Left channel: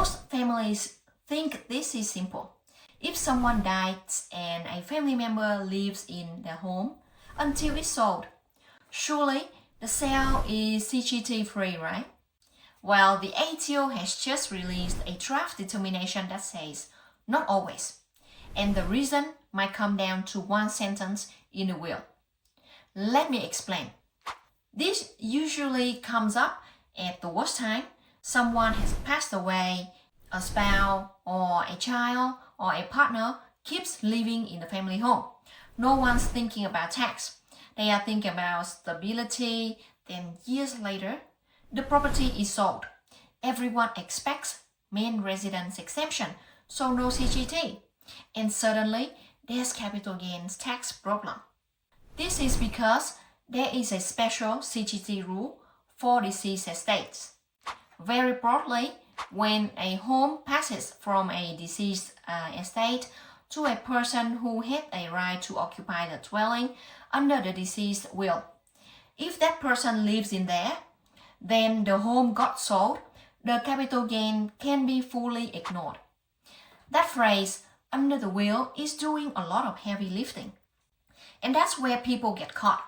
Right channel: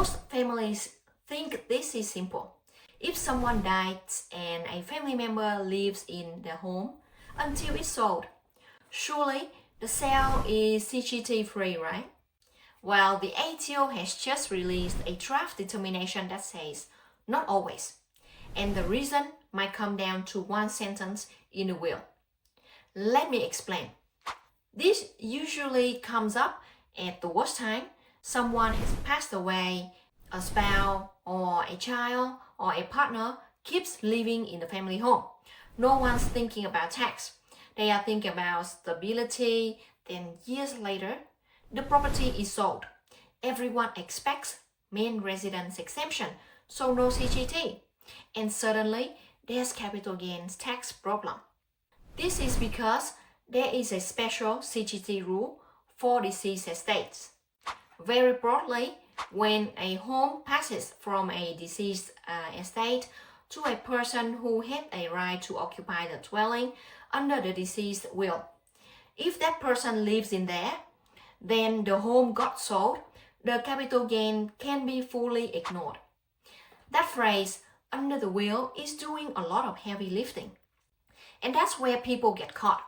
Most families think this is simple. If someone dies and a family member lives in the home until it's sold, surely the sale is CGT-free, right? Well, the ATO has just released a draft determination that says, not always. And the reason might come down to one sentence in the will. Let me explain. This usually comes up at the worst time. Someone has passed away, a spouse or a child or a partner keeps living in the family home. No one's thinking about tax. They are thinking about stability. Then years later, the property is sold. Everyone expects main residence exemption, so no CGT. And suddenly, there's capital gains tax problem. This is because there is a special CGT rule for deceased estates. Very broadly, when a home passes from a deceased estate to a person who had a right to occupy the dwelling under the deceased will, if that person lives in there, then the home got sold, the capital gain can be fully ignored. That phrase, under the will, is doing a lot of heavy lifting. And that's where people get caught.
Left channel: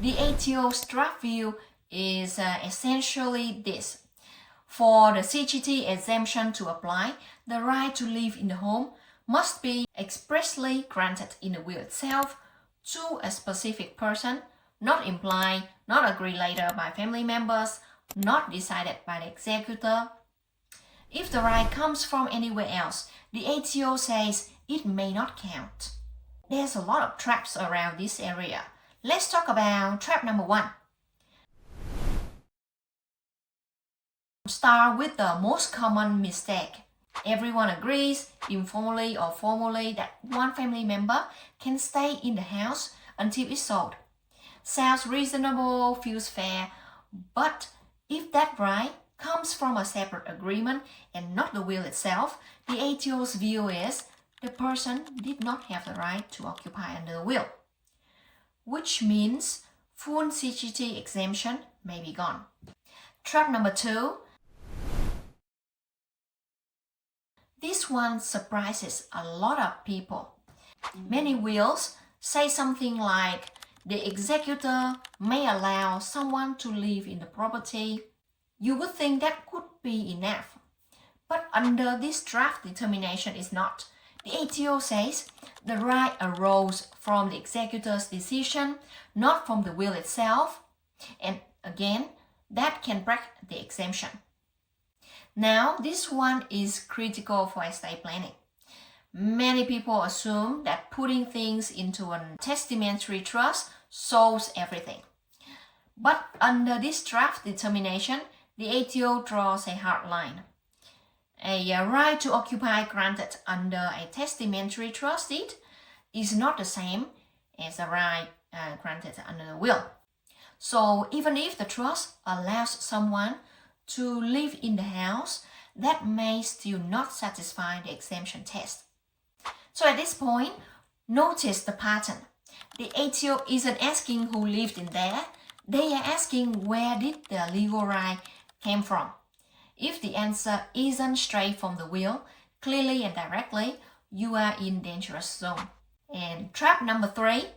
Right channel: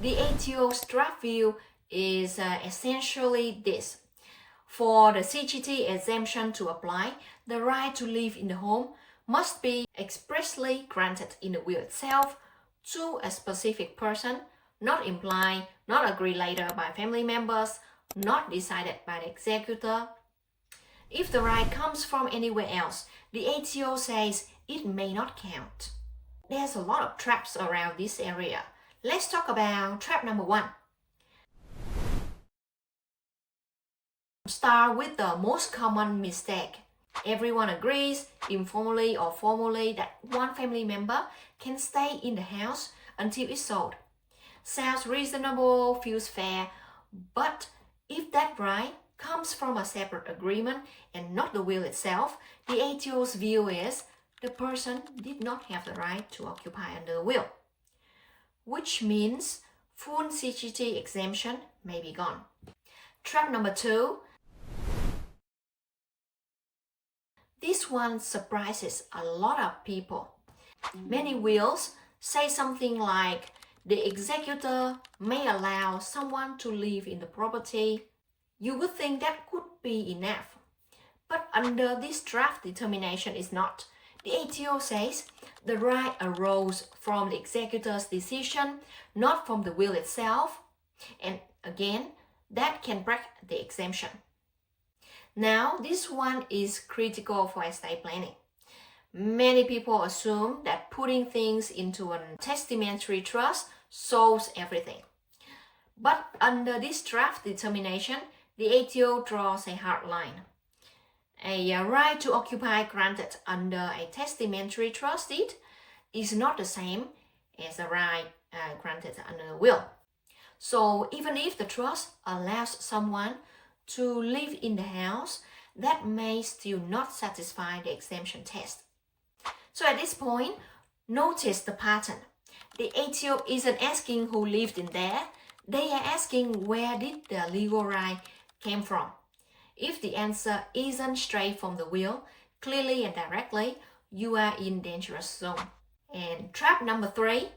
The ATO's draft view is essentially this. For the CGT exemption to apply, the right to live in the home must be expressly granted in the will itself to a specific person, not implied, not agreed later by family members, not decided by the executor. If the right comes from anywhere else, the ATO says it may not count. There's a lot of traps around this area. Let's talk about trap number 1. Start with the most common mistake. Everyone agrees, informally or formally, that one family member can stay in the house until it's sold. Sounds reasonable, feels fair, but if that right comes from a separate agreement and not the will itself, the ATO's view is the person did not have the right to occupy under the will, which means full CGT exemption may be gone. Trap number 2. This one surprises a lot of people. Many wills say something like, the executor may allow someone to live in the property. You would think that could be enough. But under this draft determination is not. The ATO says the right arose from the executor's decision, not from the will itself. And again, that can break the exemption. Now, this one is critical for estate planning. Many people assume that putting things into a testamentary trust solves everything. But under this draft determination, the ATO draws a hard line. A right to occupy granted under a testamentary trust deed is not the same as a right granted under a will. So even if the trust allows someone to live in the house, that may still not satisfy the exemption test. So at this point, notice the pattern. The ATO isn't asking who lived in there. They are asking where did the legal right came from. If the answer isn't straight from the will, clearly and directly, you are in dangerous zone. And trap number 3.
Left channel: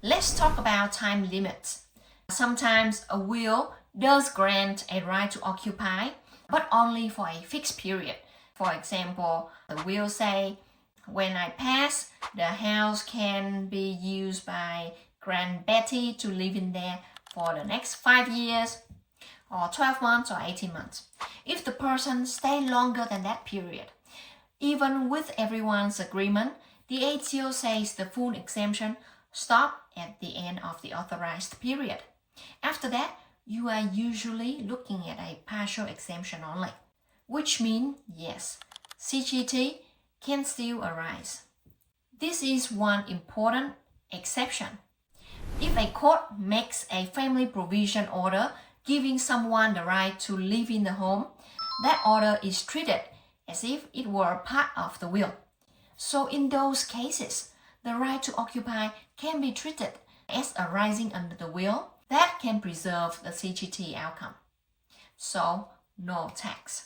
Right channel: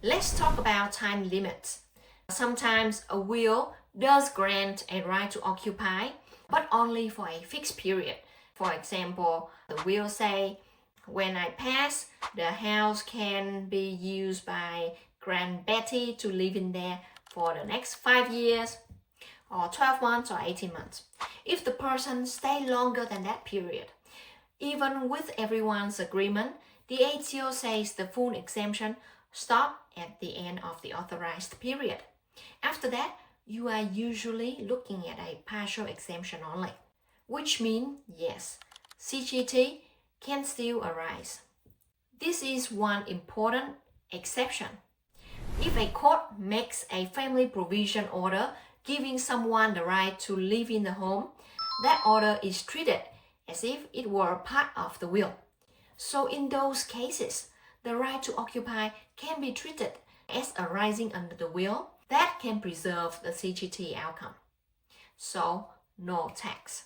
Let's talk about time limits. Sometimes a will does grant a right to occupy, but only for a fixed period. For example, the will say, when I pass, the house can be used by Grand Betty to live in there for the next 5 years, or 12 months, or 18 months. If the person stays longer than that period, even with everyone's agreement, the ATO says the full exemption stops at the end of the authorized period. After that, you are usually looking at a partial exemption only, which means, yes, CGT can still arise. This is one important exception. If a court makes a family provision order giving someone the right to live in the home, that order is treated as if it were part of the will. So in those cases, the right to occupy can be treated as arising under the will. That can preserve the CGT outcome. so no tax.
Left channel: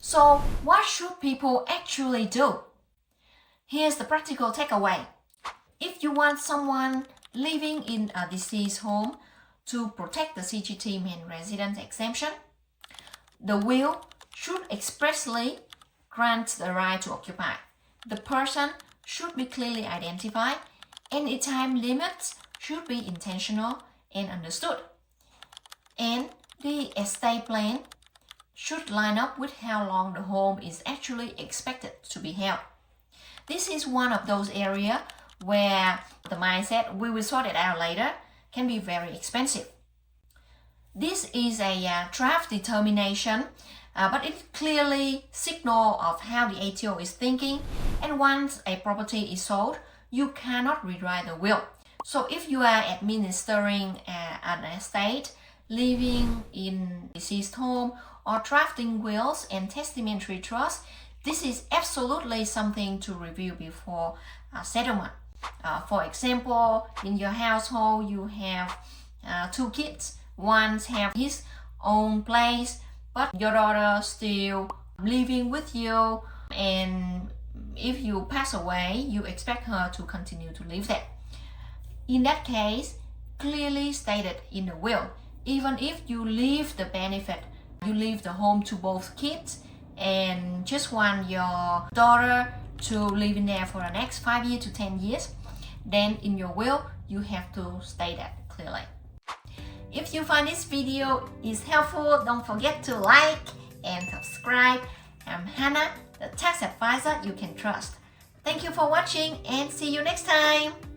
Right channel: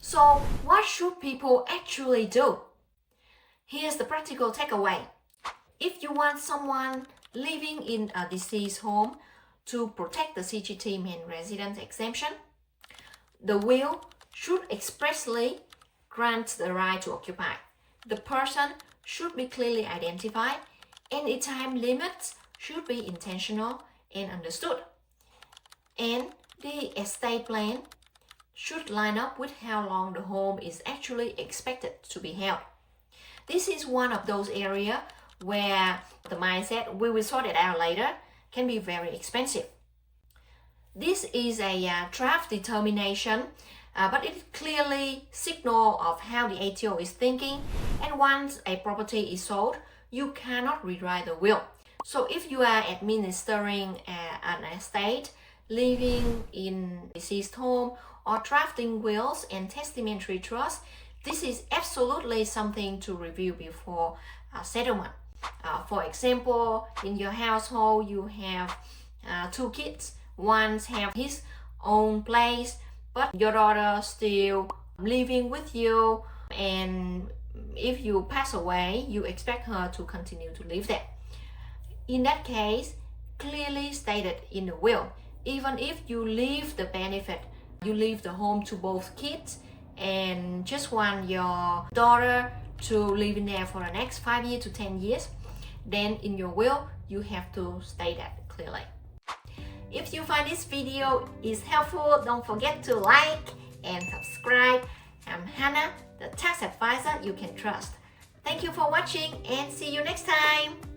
So what should people actually do? Here's the practical takeaway. If you want someone living in a deceased home to protect the CGT main residence exemption, the will should expressly grant the right to occupy. The person should be clearly identified, and the time limits should be intentional and understood. And the estate plan should line up with how long the home is actually expected to be held. This is one of those areas where the mindset, we will sort it out later, can be very expensive. This is a draft determination, but it clearly signals of how the ATO is thinking, and once a property is sold, you cannot rewrite the will. So if you are administering an estate, living in a deceased home, or drafting wills and testamentary trusts, this is absolutely something to review before settlement. For example, in your household, you have 2 kids. One has his own place, but your daughter still living with you, and if you pass away, you expect her to continue to live there. In that case, clearly stated in the will, even if you leave the benefit, you leave the home to both kids and just want your daughter to live in there for the next 5 years to 10 years, then in your will, you have to state that clearly. If you find this video is helpful, don't forget to like and subscribe. I'm Hannah, the tax advisor you can trust. Thank you for watching and see you next time.